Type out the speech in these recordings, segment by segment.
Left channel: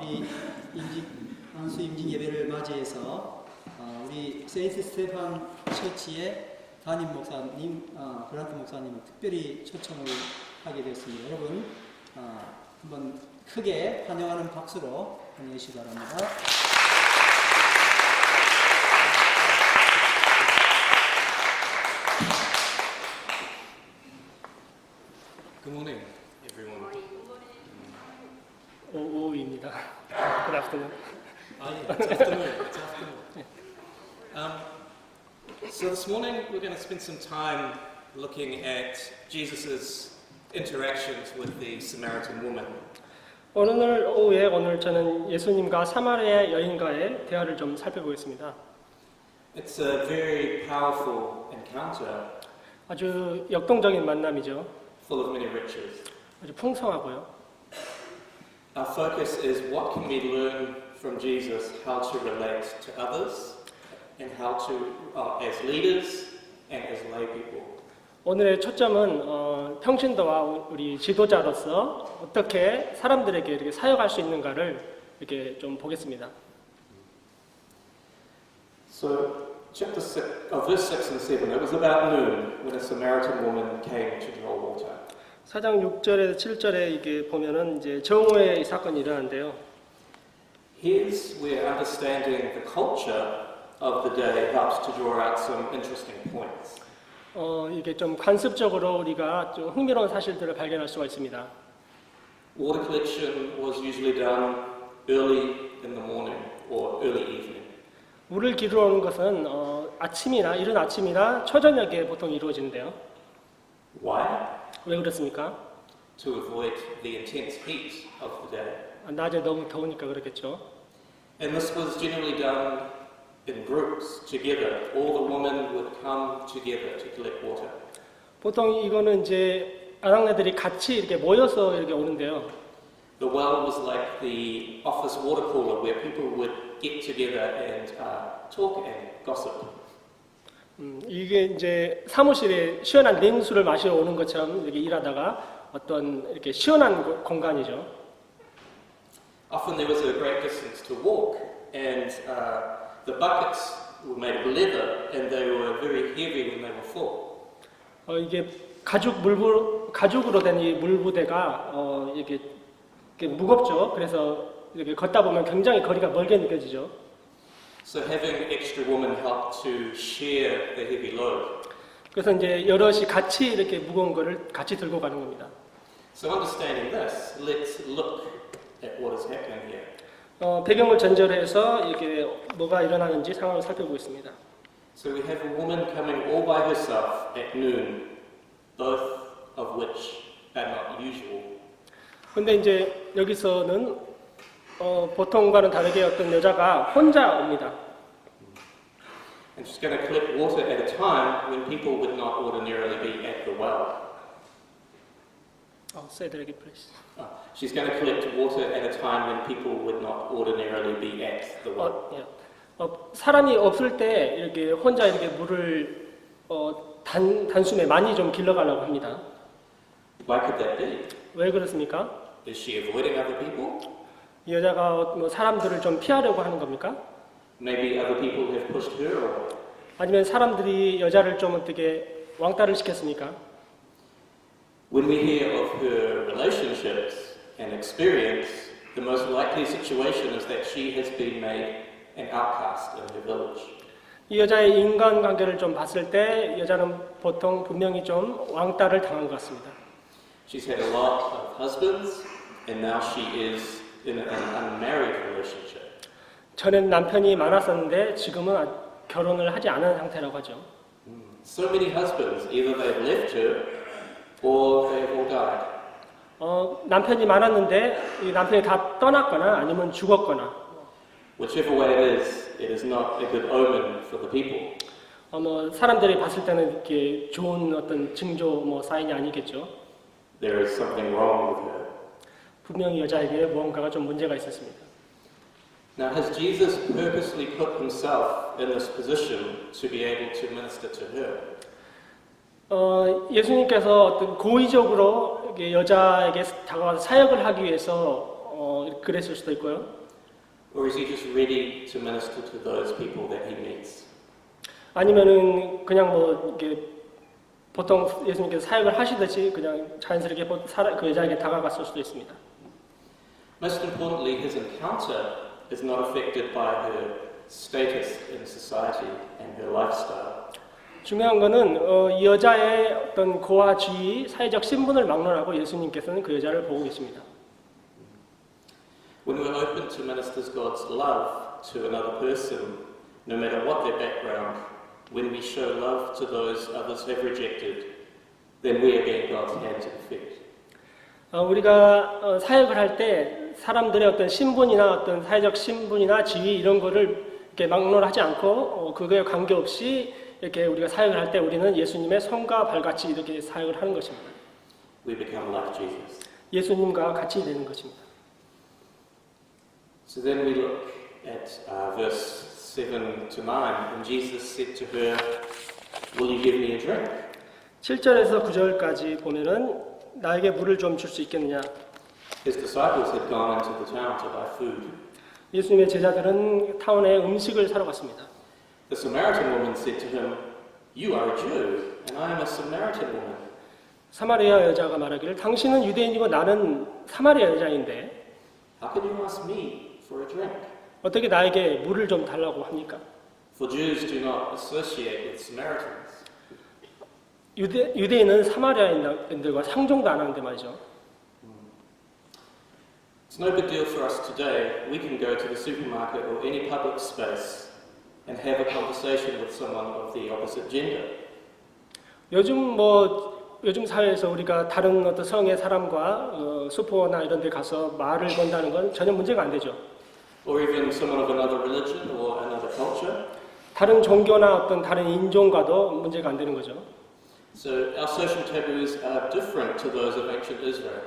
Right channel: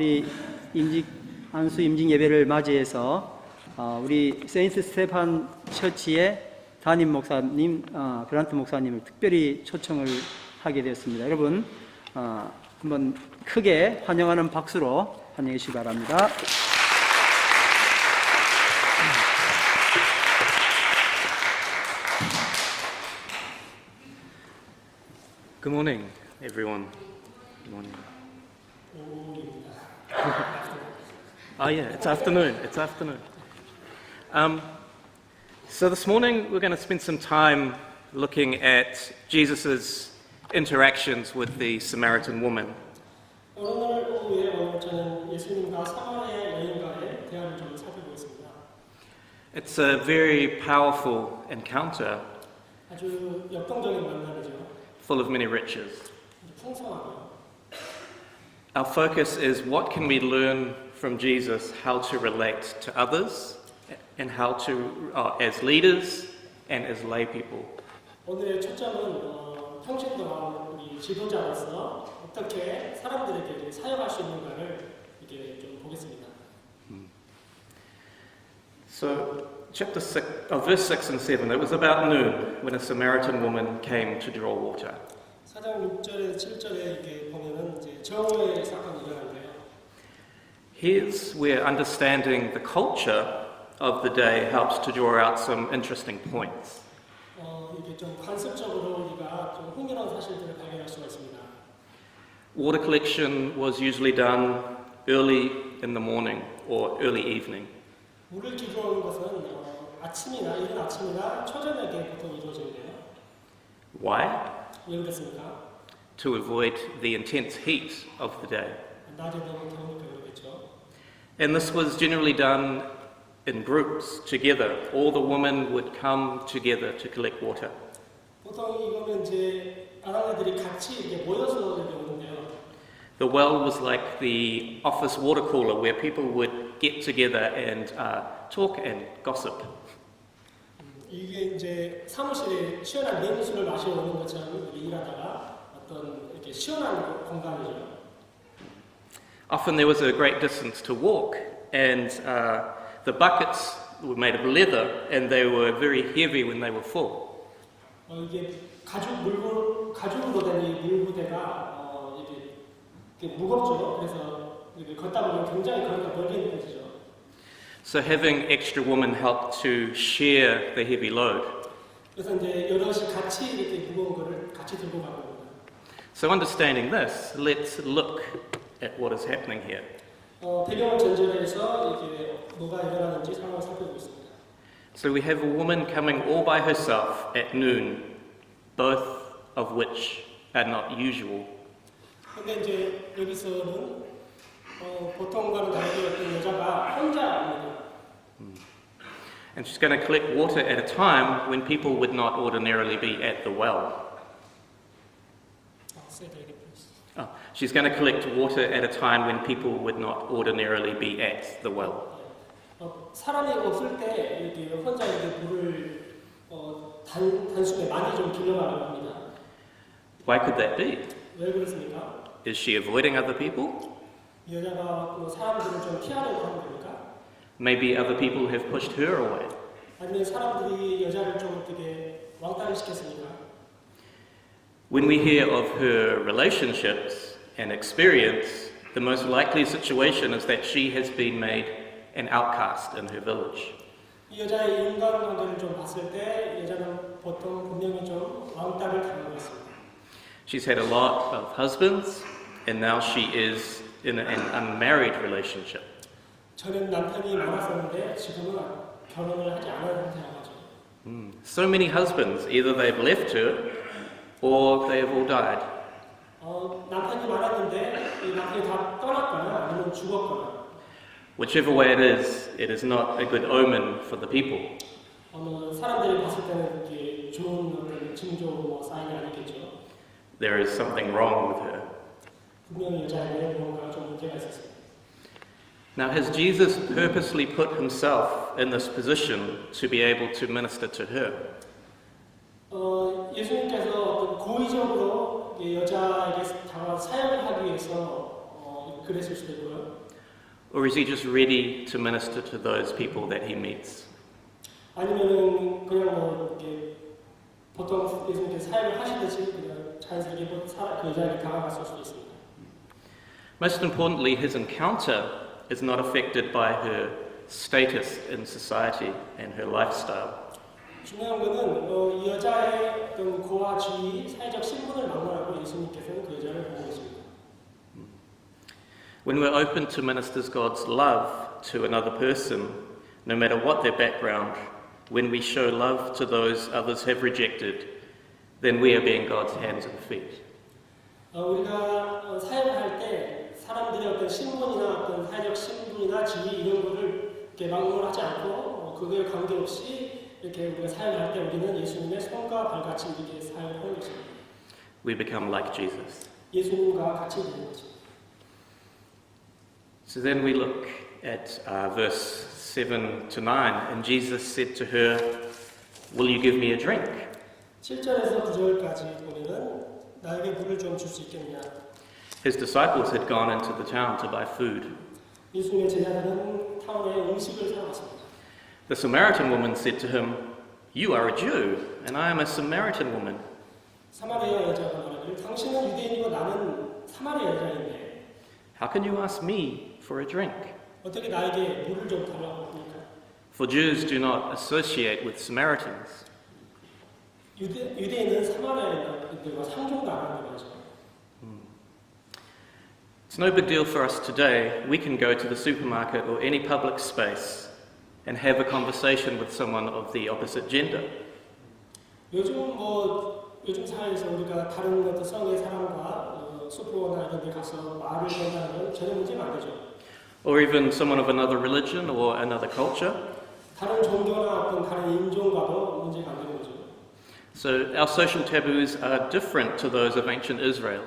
우리 안수 임직 예배를 맞이해서 우리 세인트 스테판 처치의 담임 목사님, 그란트 목사님을 특별히 초청을 하게 되었습니다. 여러분, 한번 크게 환영하는 박수로 환영해 주시기 바랍니다. Good morning, everyone. Good morning. 오후입니다. Good afternoon. Yeah, it's afternoon. It's afternoon. So this morning we're going to spend some time looking at Jesus' interactions with the Samaritan woman. 오늘 오후에 저는 예수님과 사마리아 여인과의 대화를 좀 살펴보겠습니다. It's a very powerful encounter, 아주 역동적인 만남이죠. full of many riches. 아주 풍성하고요. Our focus is what can we learn from Jesus, how to relate to others, and how to, as leaders and as lay people. 오늘의 초점은 평신도와 우리 지도자로서 어떻게 사람들에게 이렇게 사역할 수 있는가를 이렇게 좀 보겠습니다. So, verse 6 and 7, it was about noon when a Samaritan woman came to draw water. 4장 6절에서 7절에 이게 보면은 이제 정오의 사건이 일어나는데요. Here's where understanding the culture of the day helps to draw out some interesting points. 이게 좀 관습적으로 우리가 좀 흥미로운 사실들을 발견할 수가 있습니다. Water collection was usually done early in the morning or early evening. 물을 기르는 것은 이른 아침이나 초저녁에 보통 이루어지는데요. Why? 왜 그렇습니까? To avoid the intense heat of the day. 낮에 너무 더우니까 그렇겠죠. And this was generally done in groups, together. All the women would come together to collect water. 보통 이거는 이제 아낙네들이 같이 이렇게 모여서 이렇게 오는데요. The well was like the office water cooler where people would get together and talk and gossip. 이게 이제 사무실에 시원한 냉수를 마시러 오는 것처럼 이렇게 일하다가 어떤 이렇게 시원한 공간이죠. Often there was a great distance to walk, and the buckets were made of leather, and they were very heavy when they were full. 이게 가죽으로 된 이 물부대가 이렇게 무겁죠. 그래서 이렇게 걷다 보면 굉장히 거리가 멀게 느껴지죠. So having extra women helped to share the heavy load. 그래서 이제 여럿이 같이 이렇게 무거운 거를 같이 들고 가는 겁니다. So understanding this, let's look at what is happening here. 배경을 전제해서 이렇게 뭐가 일어나는지 상황을 살펴보겠습니다. So we have a woman coming all by herself at noon, both of which are not usual. 근데 이제 여기서는 보통과는 다르게 어떤 여자가 혼자 옵니다. And she's going to collect water at a time when people would not ordinarily be at the well. Say that again, please. She's going to collect water at a time when people would not ordinarily be at the well. 사람이 없을 때 이렇게 혼자 이렇게 물을 단숨에 많이 좀 길러가려고 합니다. Why could that be? 왜 그렇습니까? Is she avoiding other people? 이 여자가 뭐 사람들을 좀 피하려고 하는 겁니까? Maybe other people have pushed her away. 아니면 사람들이 여자를 좀 어떻게 왕따를 시켰습니까? When we hear of her relationships and experience, the most likely situation is that she has been made an outcast in her village. 이 여자의 인간관계를 좀 봤을 때 여자는 보통 분명히 좀 왕따를 당한 것 같습니다. She's had a lot of husbands, and now she is in an unmarried relationship. 전엔 남편이 많았었는데 지금은 결혼을 하지 않은 상태라고 하죠. So many husbands, either they've left her or they've all died. 남편이 많았는데 이 남편이 다 떠났거나 아니면 죽었거나. Whichever way it is not a good omen for the people. 사람들이 봤을 때는 이렇게 좋은 어떤 징조 사인이 아니겠죠. There is something wrong with her. 분명히 여자에게 무언가가 좀 문제가 있었습니다. Now, has Jesus purposely put himself in this position to be able to minister to her? 예수님께서 어떤 고의적으로 여자에게 다가와서 사역을 하기 위해서 그랬을 수도 있고요. Or is he just ready to minister to those people that he meets? 아니면은 그냥 뭐 이게 보통 예수님께서 사역을 하시듯이 그냥 자연스럽게 그 여자에게 다가갔을 수도 있습니다. Most importantly, his encounter is not affected by her status in society and her lifestyle. 중요한 거는 이 여자의 어떤 고와 지위, 사회적 신분을 막론하고 예수님께서는 그 여자를 보고 있습니다. When we're open to minister God's love to another person, no matter what their background, when we show love to those others have rejected, then we are being God's hands and feet. 우리가 사역을 할 때 사람들의 어떤 신분이나 어떤 사회적 신분이나 지위 이런 거를 이렇게 막론하지 않고 그거에 관계없이 이렇게 우리가 사역을 할 때 우리는 예수님의 손과 발같이 이렇게 사역을 하는 것입니다. We become like Jesus. 예수님과 같이 되는 것입니다. So then we look at verse 7 to 9, and Jesus said to her, "Will you give me a drink?" 7절에서 9절까지 보면은 나에게 물을 좀 줄 수 있겠느냐? His disciples had gone into the town to buy food. 예수님의 제자들은 타운에 음식을 사러 갔습니다. The Samaritan woman said to him, "You are a Jew, and I am a Samaritan woman. 사마리아 여자가 말하기를 당신은 유대인이고 나는 사마리아 여자인데 How can you ask me for a drink?" 어떻게 나에게 물을 좀 달라고 합니까? For Jews do not associate with Samaritans. 유대인은 사마리아인들과 상종도 안 하는데 말이죠. It's no big deal for us today. We can go to the supermarket or any public space and have a conversation with someone of the opposite gender. 요즘 사회에서 우리가 다른 어떤 성의 사람과 슈퍼나 이런 데 가서 말을 건다는 건 전혀 문제가 안 되죠. Or even someone of another religion or another culture. 다른 종교나 어떤 다른 인종과도 문제가 안 되는 거죠. So our social taboos are different to those of ancient Israel.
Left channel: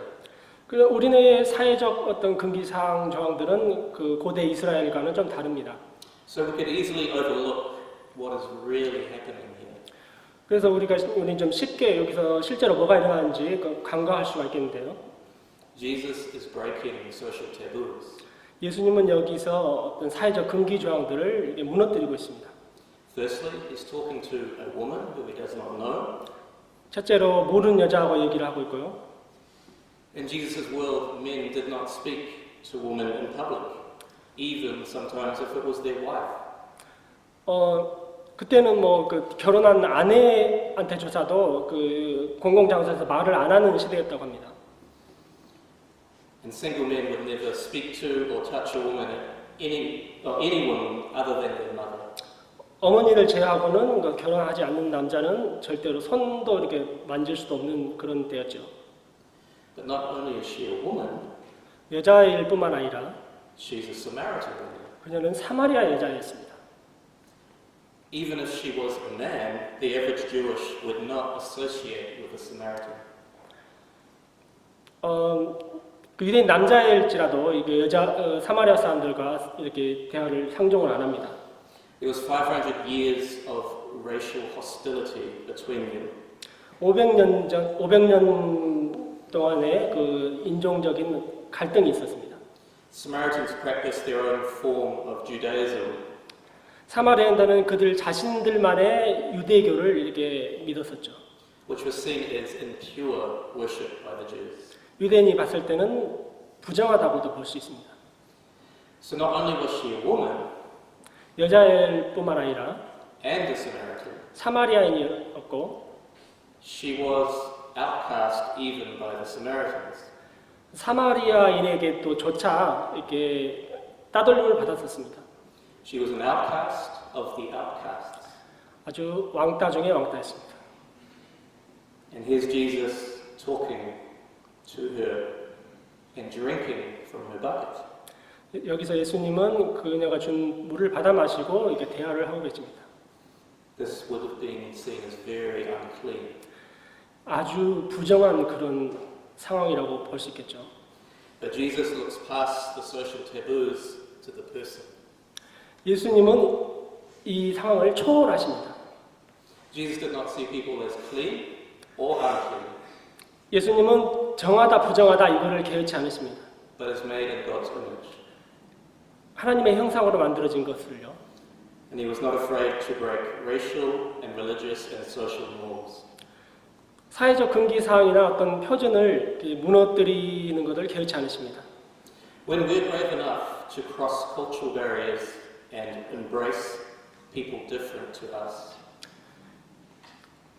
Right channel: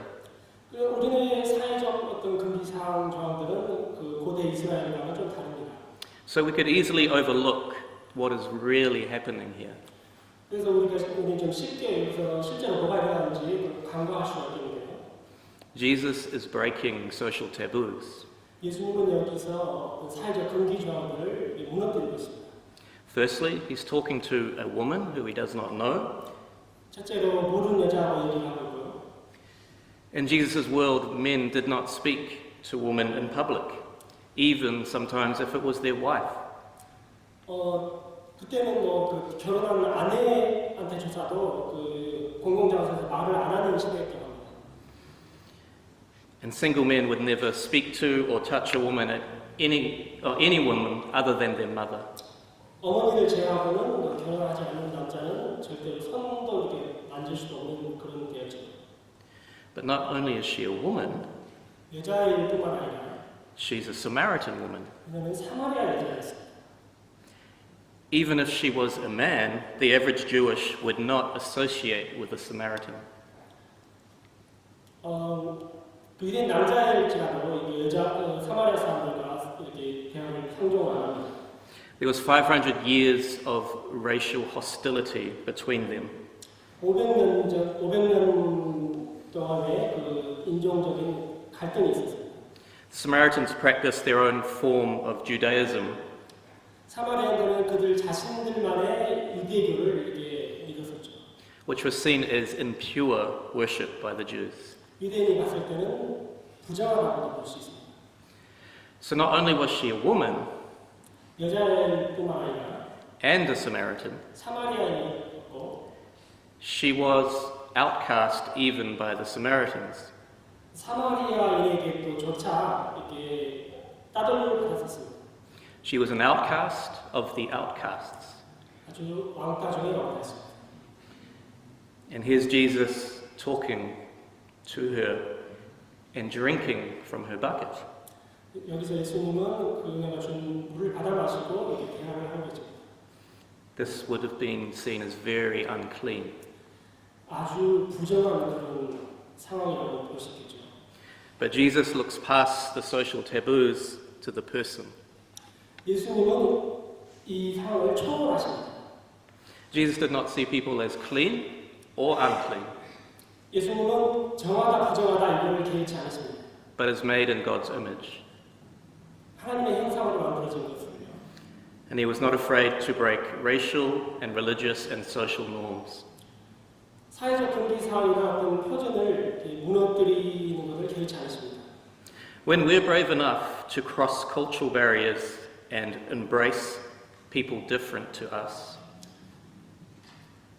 그래서 우리네 사회적 어떤 금기사항 저항들은 그 고대 이스라엘과는 좀 다릅니다. So we could easily overlook what is really happening here. 그래서 우리 좀 쉽게 여기서 실제로 뭐가 일어나는지 간과할 수가 있겠는데요. Jesus is breaking social taboos. 예수님은 여기서 어떤 사회적 금기 조항들을 무너뜨리고 있습니다. Firstly, he's talking to a woman who he does not know. 첫째로 모르는 여자하고 얘기를 하고 있고요. In Jesus' world, men did not speak to women in public, even sometimes if it was their wife. 그때는 그 결혼한 아내한테조차도 그 공공장소에서 말을 안 하는 시대였다고 합니다. And single men would never speak to or touch a woman, any woman other than their mother. 어머니를 제외하고는 결혼하지 않는 남자는 절대로 손도 이렇게 만질 수도 없는 그런 때였죠. But not only is she a woman, 여자일 뿐만 아니라 she's a Samaritan woman. 그녀는 사마리아 여자였습니다. Even if she was a man, the average Jewish would not associate with a Samaritan. 그 유대인 남자일지라도 이게 사마리아 사람들과 이렇게 대화를 상종을 안 합니다. There was 500 years of racial hostility between them. 500년 동안의 그 인종적인 갈등이 있었습니다. Samaritans practiced their own form of Judaism. 사마리아인들은 그들 자신들만의 유대교를 이렇게 믿었었죠. Which was seen as impure worship by the Jews. 유대인이 봤을 때는 부정하다고도 볼 수 있습니다. So not only was she a woman 여자일 뿐만 아니라 and a Samaritan, 사마리아인이었고 she was outcast even by the Samaritans. 사마리아인에게 또 조차 이렇게 따돌림을 받았었습니다. She was an outcast of the outcasts. 아주 왕따 중에 왕따였습니다. And here's Jesus talking to her and drinking from her bucket. 여기서 예수님은 그녀가 준 물을 받아 마시고 이렇게 대화를 하고 계십니다. This would have been seen as very unclean. 아주 부정한 그런 상황이라고 볼 수 있겠죠. But Jesus looks past the social taboos to the person. 예수님은 이 상황을 초월하십니다. Jesus did not see people as clean or unclean. 예수님은 정하다 부정하다 이거를 개의치 않으십니다. but is made in God's image. 하나님의 형상으로 만들어진 것을요. And he was not afraid to break racial and religious and social norms. 사회적 금기 사항이나 어떤 표준을 이렇게 무너뜨리는 것을 개의치 않으십니다. When we're brave enough to cross cultural barriers and embrace people different to us,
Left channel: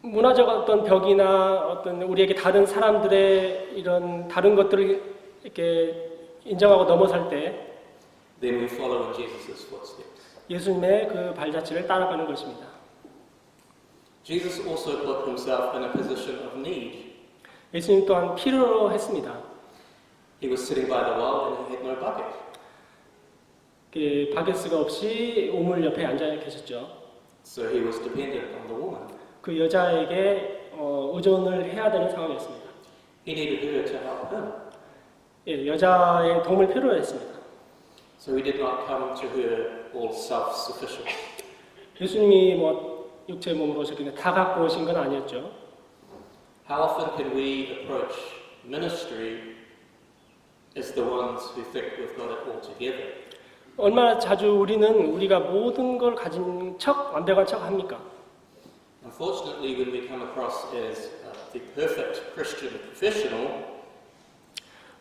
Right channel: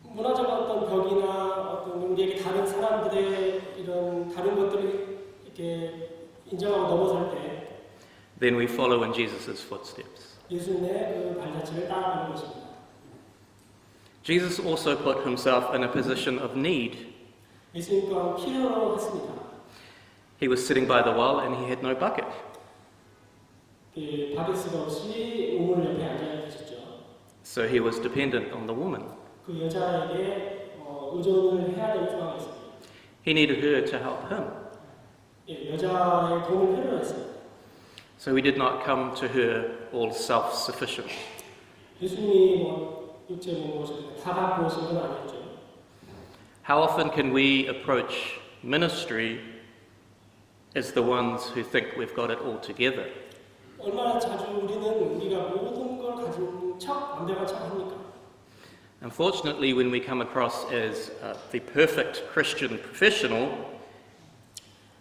문화적 어떤 벽이나 어떤 우리에게 다른 사람들의 이런 다른 것들을 이렇게 인정하고 넘어설 때 then we follow in Jesus' footsteps. 예수님의 그 발자취를 따라가는 것입니다. Jesus also put himself in a position of need. 예수님 또한 필요로 했습니다. He was sitting by the well and he had no bucket. 바게스가 없이 우물 옆에 앉아 계셨죠. So he was dependent on the woman. 그 여자에게 의존을 해야 되는 상황이었습니다. He needed her to help him. 예, 여자의 도움을 필요로 했습니다. So he did not come to her all self-sufficient. 예수님이 육체 몸으로 오셨기 다 갖고 오신 건 아니었죠. How often can we approach ministry as the ones who think we've got it all together? 얼마나 자주 우리가 모든 걸 가진 척, 완벽한 척 합니까? Unfortunately, when we come across as the perfect Christian professional,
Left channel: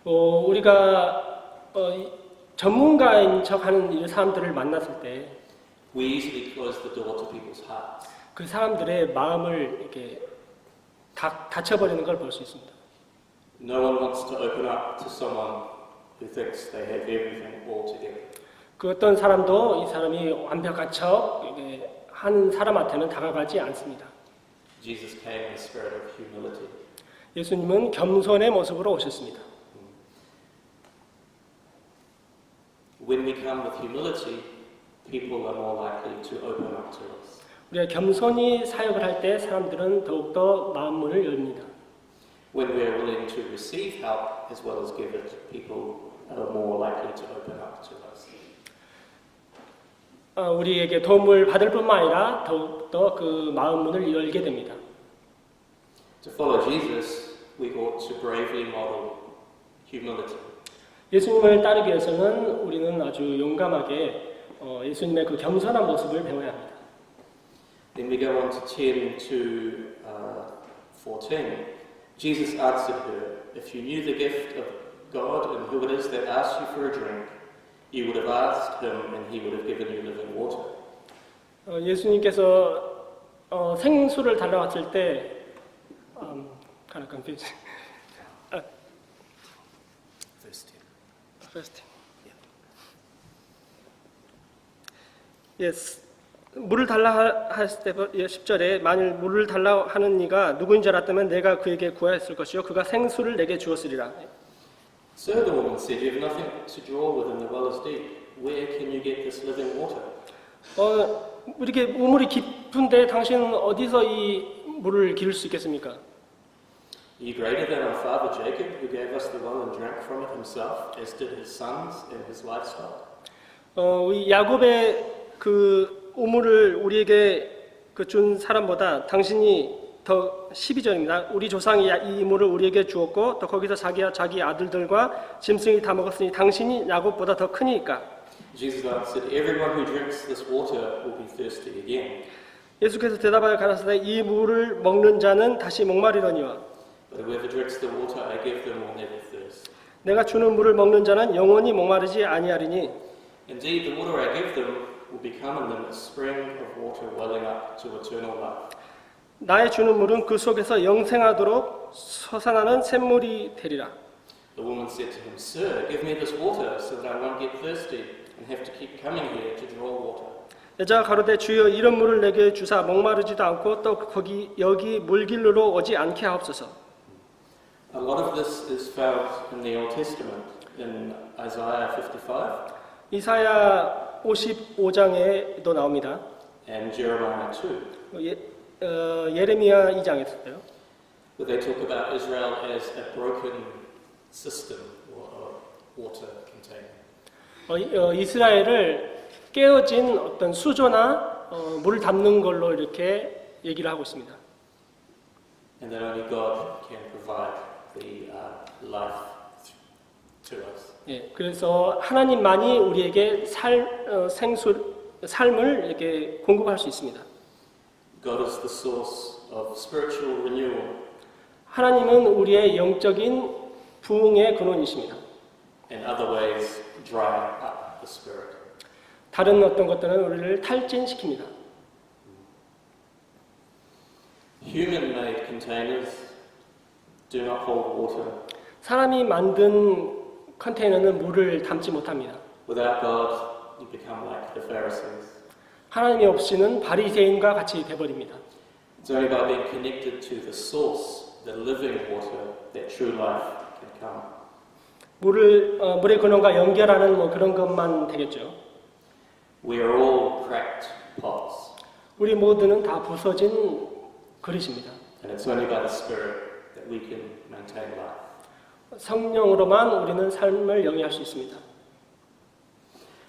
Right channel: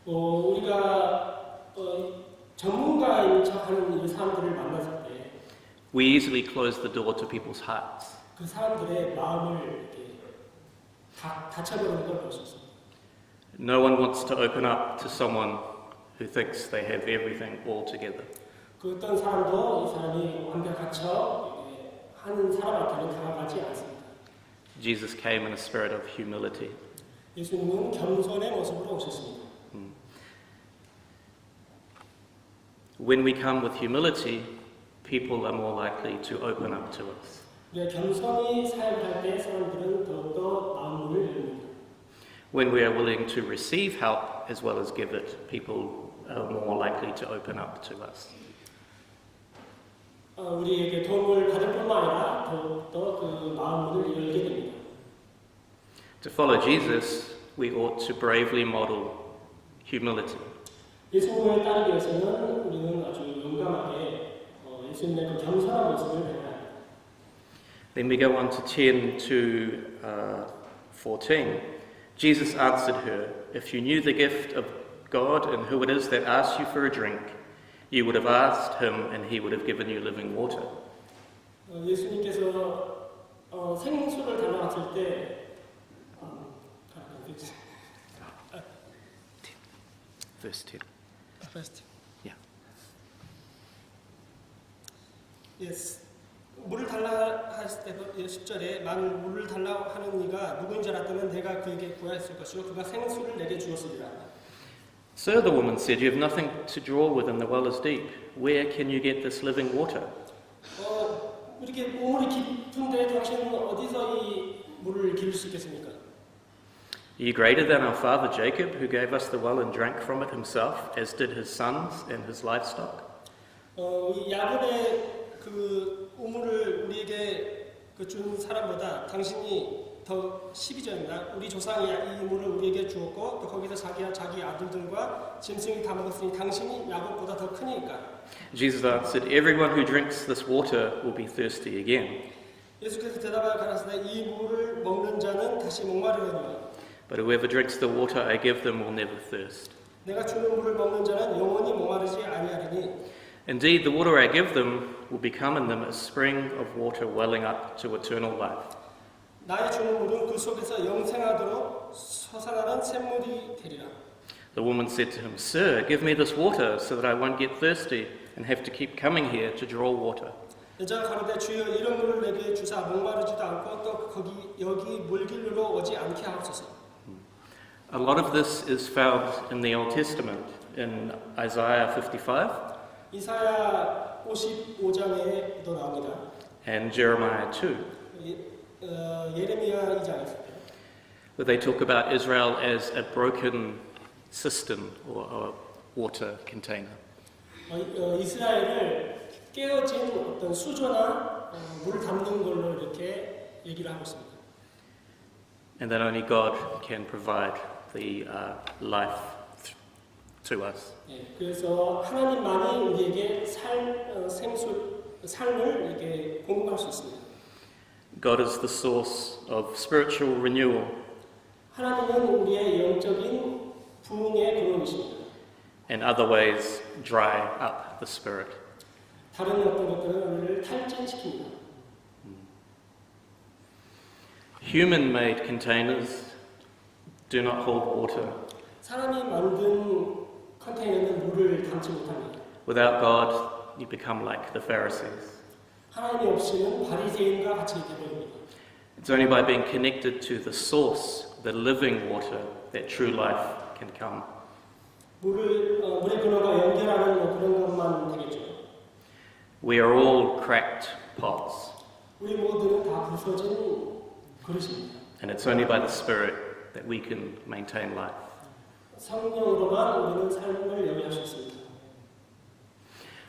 우리가 전문가인 척하는 이 사람들을 만났을 때 we easily close the door to people's hearts. 그 사람들의 마음을 이렇게 닫혀버리는 걸 볼 수 있습니다. No one wants to open up to someone who thinks they have everything all together. 그 어떤 사람도 이 사람이 완벽한 척 한 사람한테는 다가가지 않습니다. Jesus came in a spirit of humility. 예수님은 겸손의 모습으로 오셨습니다. When we come with humility, people are more likely to open up to us. 우리가 겸손히 사역을 할 때 사람들은 더욱더 마음문을 열립니다. When we are willing to receive help as well as give it, people are more likely to open up to us. 우리에게 도움을 받을 뿐만 아니라 더욱더 그 마음문을 열게 됩니다. To follow Jesus, we ought to bravely model humility. 예수님을 따르기 위해서는 우리는 아주 용감하게 예수님의 그 겸손한 모습을 배워야 합니다. Then we go on to 10 to 14. Jesus answered her, "If you knew the gift of God and who it is that asks you for a drink, you would have asked him and he would have given you living water." 예수님께서 생수를 달라왔을 때 kind of confused. Verse 10. First. Yeah. Yes. 물을 달라 했을 때 10절에 만일 물을 달라 하는 이가 누구인지 알았다면 내가 그에게 구하였을 것이요 그가 생수를 내게 주었으리라. Sir, the woman said, "You have nothing to draw with and the well is deep. Where can you get this living water?" 이렇게 우물이 깊은데 당신은 어디서 이 물을 기를 수 있겠습니까? Are you greater than our father Jacob, who gave us the well and drank from it himself, as did his sons and his livestock? 이 야곱의 그 우물을 우리에게 준 사람보다 당신이 더 12절입니다. 우리 조상이 이 물을 우리에게 주었고 또 거기서 자기 아들들과 짐승이 다 먹었으니 당신이 야곱보다 더 크니까. Jesus answered, "Everyone who drinks this water will be thirsty again. 예수께서 대답하여 가라사대 이 물을 먹는 자는 다시 목마르려니와 But whoever drinks the water I give them will never thirst. 내가 주는 물을 먹는 자는 영원히 목마르지 아니하리니 Indeed, the water I give them will become in them a spring of water welling up to eternal life." 나의 주는 물은 그 속에서 영생하도록 솟아나는 샘물이 되리라. The woman said to him, "Sir, give me this water so that I won't get thirsty and have to keep coming here to draw water." 여자가 가로되 주여 이런 물을 내게 주사 목마르지도 않고 또 여기 물길로 오지 않게 하옵소서. A lot of this is found in the Old Testament, in Isaiah 55 이사야 55장에도 나옵니다. and Jeremiah 2, 예레미야 2장에서도요. where they talk about Israel as a broken cistern or a water container. 이스라엘을 깨어진 어떤 수조나 물을 담는 걸로 이렇게 얘기를 하고 있습니다. And that only God can provide the life to us. 예, 그래서 하나님만이 우리에게 삶을 이렇게 공급할 수 있습니다. God is the source of spiritual renewal, 하나님은 우리의 영적인 부흥의 근원이십니다. and other ways dry up the spirit. 다른 어떤 것들은 우리를 탈진시킵니다. Human-made containers do not hold water. 사람이 만든 컨테이너는 물을 담지 못합니다. Without God, you become like the Pharisees. 하나님이 없이는 바리새인과 같이 돼버립니다. It's only by being connected to the source, the living water, that true life can come. 물의 근원과 연결하는 뭐 그런 것만 되겠죠. We are all cracked pots, 우리 모두는 다 부서진 그릇입니다. and it's only by the Spirit that we can maintain life. 성령으로만 우리는 삶을 영위할 수 있습니다.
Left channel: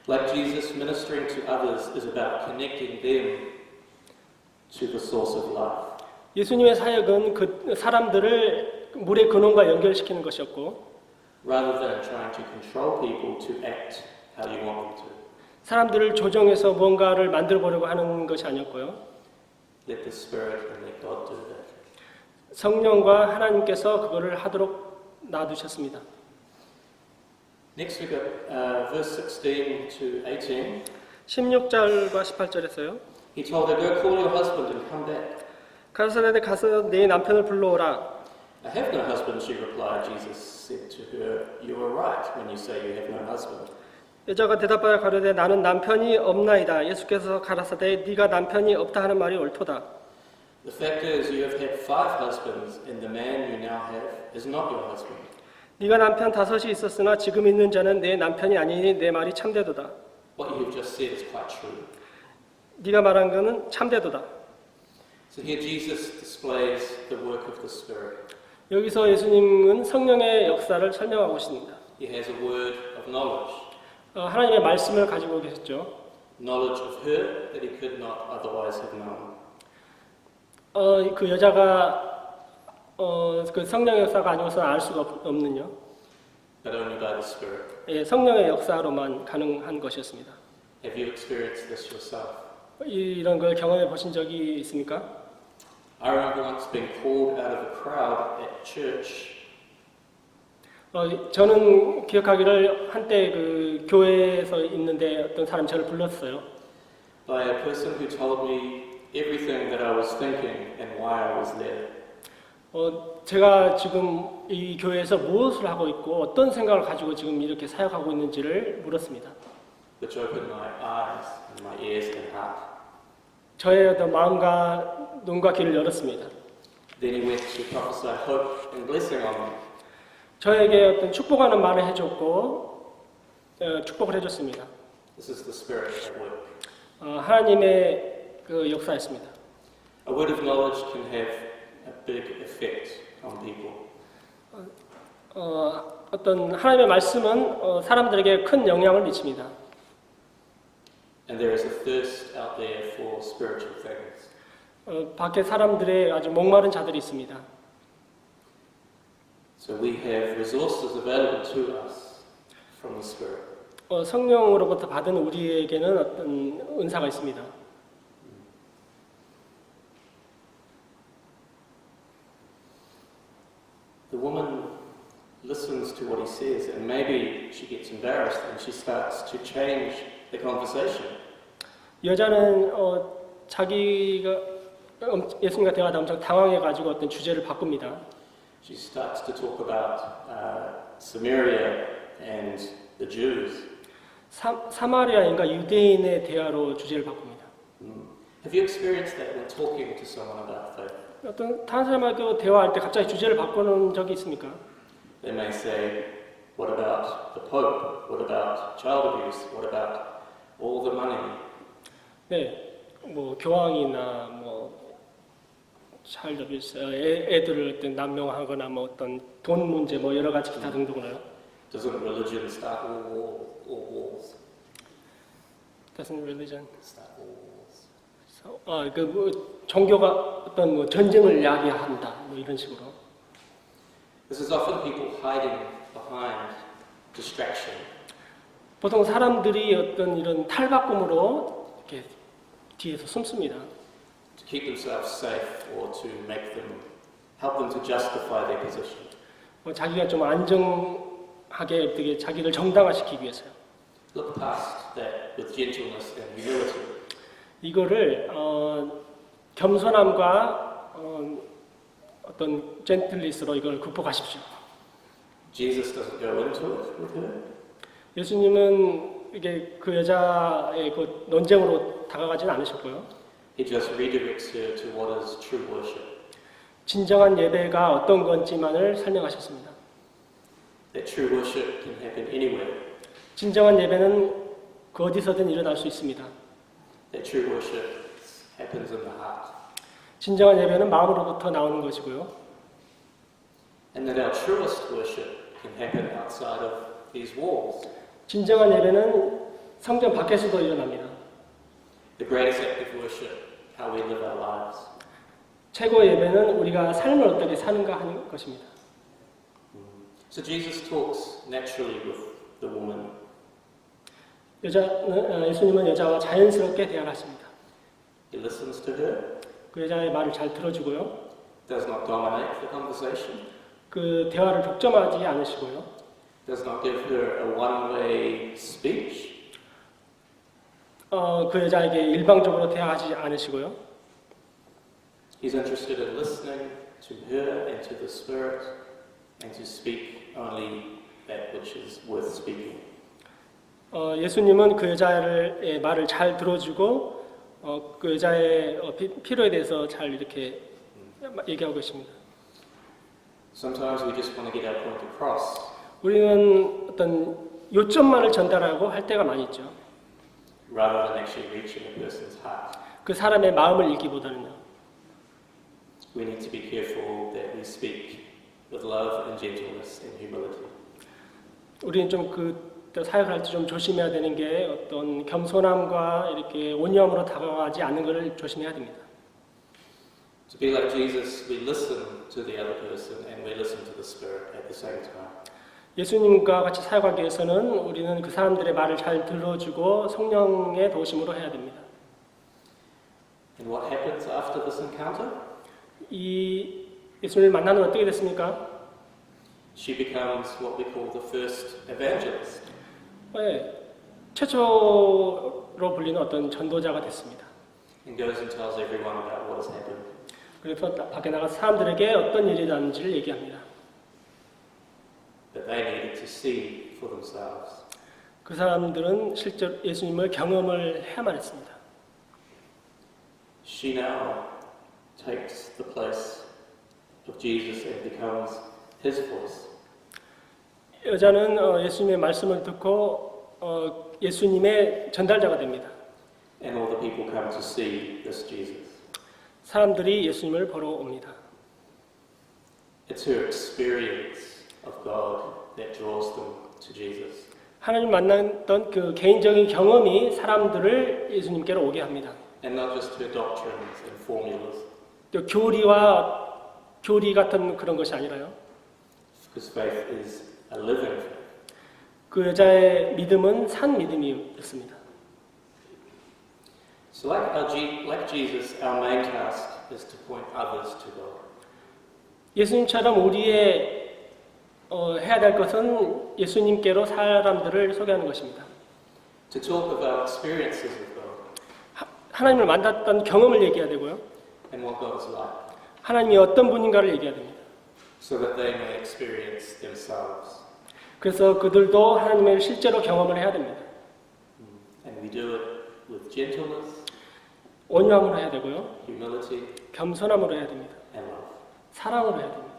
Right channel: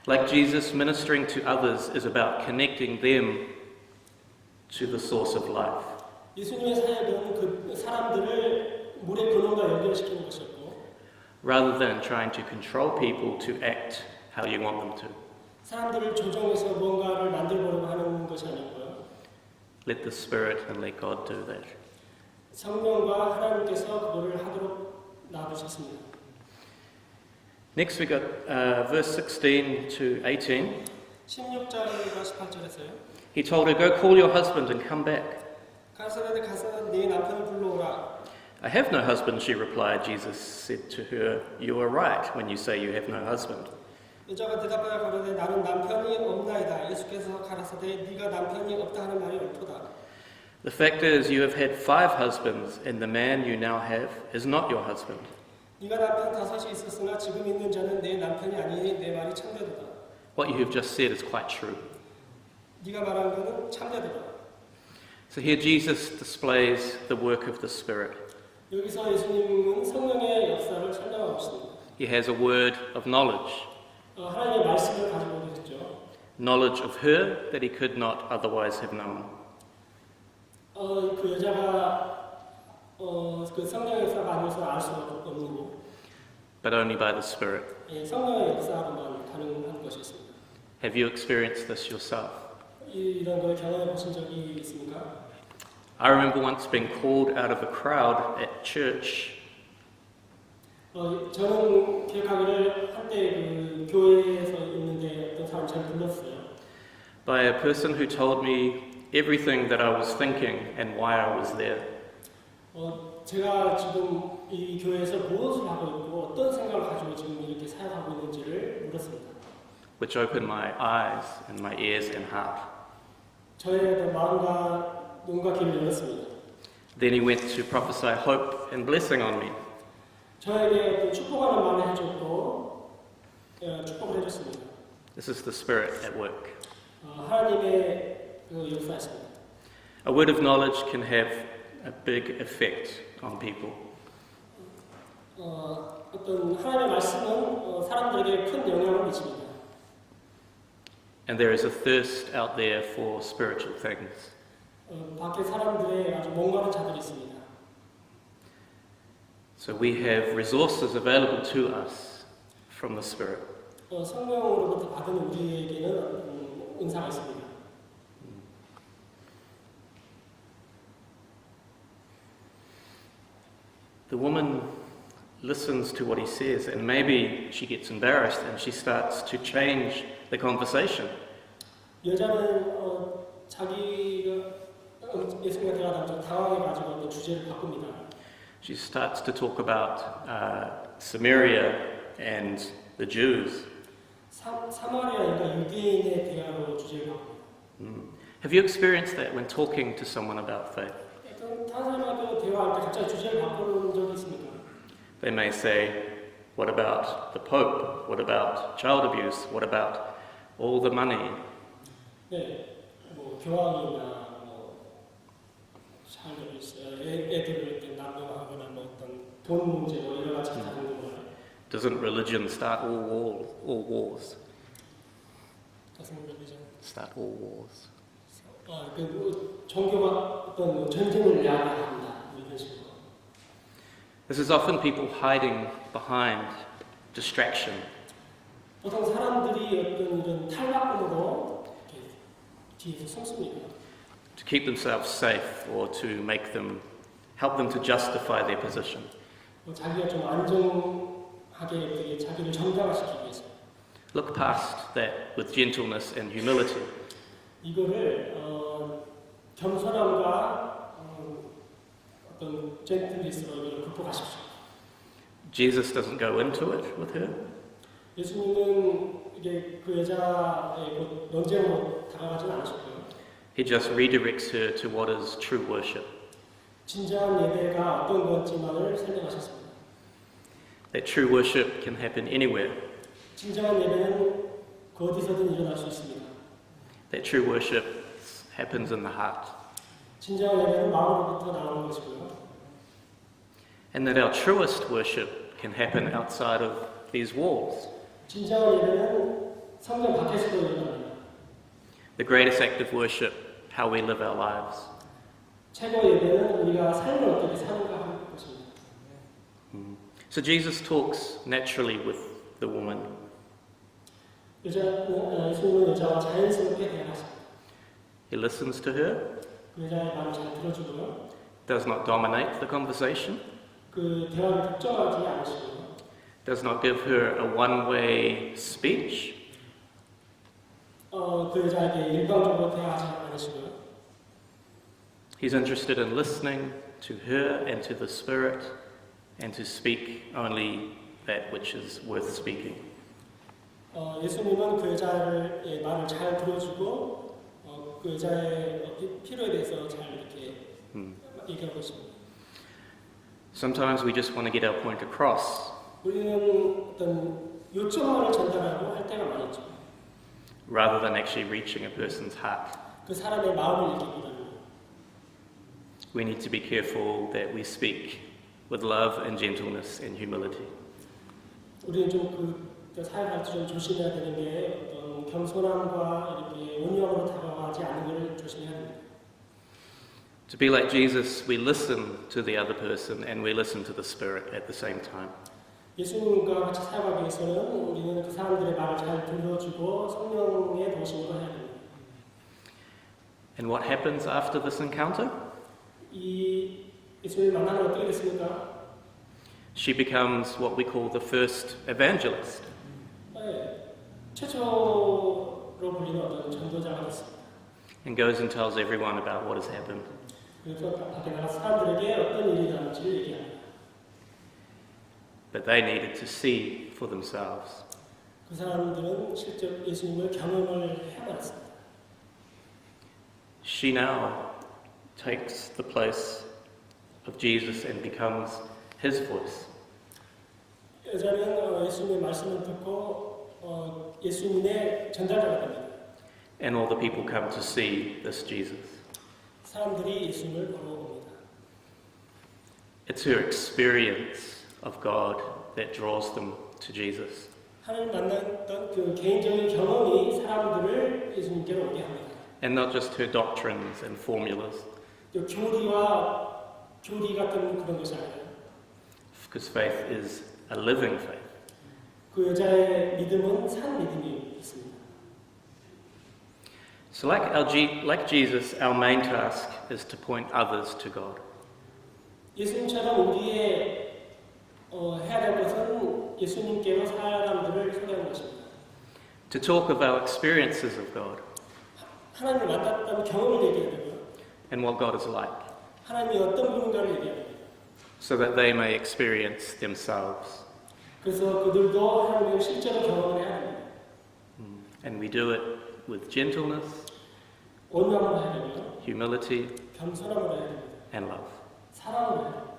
Like Jesus, ministering to others is about connecting them to the source of life. 예수님의 사역은 그 사람들을 물의 근원과 연결시키는 것이었고, Rather than trying to control people to act how you want them to, 사람들을 조정해서 뭔가를 만들어 보려고 하는 것이 아니었고요. let the Spirit and let God do that. 성령과 하나님께서 그거를 하도록 놔두셨습니다. Next we got verse 16 to 18. 16절과 18절에서요. He told her, "Go call your husband and come back." 가르사렛에 가서 네 남편을 불러오라. "I have no husband," she replied. Jesus said to her, "You are right when you say you have no husband. 여자가 대답하여 가로되 나는 남편이 없나이다. 예수께서 가라사대 네가 남편이 없다 하는 말이 옳도다. The fact is, you have had 5 husbands, and the man you now have is not your husband. 네가 남편 5이 있었으나 지금 있는 자는 내 남편이 아니니 내 말이 참되도다. What you have just said is quite true." 네가 말한 것은 참되도다. So here Jesus displays the work of the Spirit. 여기서 예수님은 성령의 역사를 설명하고 있습니다. He has a word of knowledge, 하나님의 말씀을 가지고 계셨죠. knowledge of her that he could not otherwise have known. 그 여자가 그 성령의 역사가 아니고서는 알 수가 없는요. But only by the Spirit. 예, 성령의 역사로만 가능한 것이었습니다. Have you experienced this yourself? 이런 걸 경험해 보신 적이 있습니까? I remember once being called out of a crowd at church 저는 기억하기를 한때 그 교회에서 있는데 어떤 사람이 저를 불렀어요. by a person who told me everything that I was thinking and why I was there. 제가 지금 이 교회에서 무엇을 하고 있고 어떤 생각을 가지고 지금 이렇게 사역하고 있는지를 물었습니다. Which opened my eyes and my ears and heart. 저의 어떤 마음과 눈과 귀를 열었습니다. Then he went to prophesy hope and blessing on me. 저에게 어떤 축복하는 말을 해줬고 축복을 해줬습니다. This is the Spirit at work. 하나님의 그 역사였습니다. A word of knowledge can have a big effect on people. 어떤 하나님의 말씀은 사람들에게 큰 영향을 미칩니다. And there is a thirst out there for spiritual things. 밖에 사람들의 아주 목마른 자들이 있습니다. So we have resources available to us from the Spirit. 성령으로부터 받은 우리에게는 어떤 은사가 있습니다. The woman listens to what he says, and maybe she gets embarrassed and she starts to change the conversation. 여자는 자기가 예수님과 대화하다 엄청 당황해가지고 어떤 주제를 바꿉니다. She starts to talk about Samaria and the Jews. 사마리아인과 유대인의 대화로 주제를 바꿉니다. Have you experienced that when talking to someone about faith? 어떤 다른 사람하고 대화할 때 갑자기 주제를 바꾸는 적이 있습니까? They may say, "What about the Pope? What about child abuse? What about all the money?" 네, 뭐 교황이나 뭐 차일드 어뷰스, 애들을 어떤 남용하거나 뭐 어떤 돈 문제 뭐 여러 가지 기타 등등을. Doesn't religion start all wars? Doesn't religion? Start all wars. 종교가 어떤 뭐 전쟁을 야기한다 뭐 이런 식으로. This is often people hiding behind distraction. 보통 사람들이 어떤 이런 탈바꿈으로 이렇게 뒤에서 숨습니다. To keep themselves safe or to make them help them to justify their position. 자기가 좀 안정하게 되게 자기를 정당화시키기 위해서요. Look past that with gentleness and humility. 이거를 겸손함과 어떤 젠틀리스로 이걸 극복하십시오. Jesus doesn't go into it with her. 예수님은 이게 그 여자의 그 논쟁으로 다가가진 않으셨고요. He just redirects her to what is true worship. 진정한 예배가 어떤 건지만을 설명하셨습니다. That true worship can happen anywhere. 진정한 예배는 그 어디서든 일어날 수 있습니다. That true worship happens in the heart. 진정한 예배는 마음으로부터 나오는 것이고요. And that our truest worship can happen outside of these walls. 진정한 예배는 성전 밖에서도 일어납니다. The greatest act of worship, how we live our lives. 최고의 예배는 우리가 삶을 어떻게 사는가 하는 것입니다. So Jesus talks naturally with the woman. 예수님은 여자와 자연스럽게 대화하십니다. He listens to her, 그 여자의 말을 잘 들어주고요. does not dominate the conversation, 그 대화를 독점하지 않으시고요. does not give her a one-way speech, 그 여자에게 일방적으로 대화하지 않으시고요. He's interested in listening to her and to the Spirit and to speak only that which is worth speaking. 예수님은 그 여자의 말을 잘 들어주고 그 여자의 필요에 대해서 잘 이렇게 얘기하고 있습니다. Sometimes we just want to get our point across, 우리는 어떤 요점만을 전달하고 할 때가 많이 있죠. rather than actually reaching a person's heart. 그 사람의 마음을 읽기보다는요. We need to be careful that we speak with love and gentleness and humility. 우리는 좀 사역을 할 때 좀 조심해야 되는 게 어떤 겸손함과 이렇게 온유함으로 다가가지 않는 것을 조심해야 됩니다. To be like Jesus, we listen to the other person and we listen to the Spirit at the same time. 예수님과 같이 사역하기 위해서는 우리는 그 사람들의 말을 잘 들어주고 성령의 도심으로 해야 됩니다. And what happens after this encounter? 이 예수님을 만나면 어떻게 됐습니까? She becomes what we call the first evangelist. 최초로 불리는 어떤 전도자가 됐습니다. And goes and tells everyone about what has happened. 그래서 밖에 나가 사람들에게 어떤 일이 났는지를 얘기합니다. That they needed to see for themselves. 그 사람들은 실제로 예수님을 경험을 해야만 했습니다. She now takes the place of Jesus and becomes his voice. 여자는 예수님의 말씀을 듣고 예수님의 전달자가 됩니다. And all the people come to see this Jesus. 사람들이 예수님을 보러 옵니다. It's her experience of God that draws them to Jesus. 하나님 만났던 그 개인적인 경험이 사람들을 예수님께로 오게 합니다. And not just her doctrines and formulas. 또 교리 같은 그런 것이 아니라요. Because faith is a living faith. 그 여자의 믿음은 산 믿음이었습니다. So like Jesus, our main task is to point others to God. 예수님처럼 우리의 해야 될 것은 예수님께로 사람들을 소개하는 것입니다. To talk about experiences of God 하나님을 만났던 경험을 얘기해야 되고요. and what God is like, 하나님이 어떤 분인가를 얘기해야 됩니다. so that they may experience themselves. 그래서 그들도 하나님을 실제로 경험을 해야 됩니다. And we do it with gentleness, 온유함으로 해야 되고요. humility, 겸손함으로 해야 됩니다. and love. 사랑으로 해야 됩니다.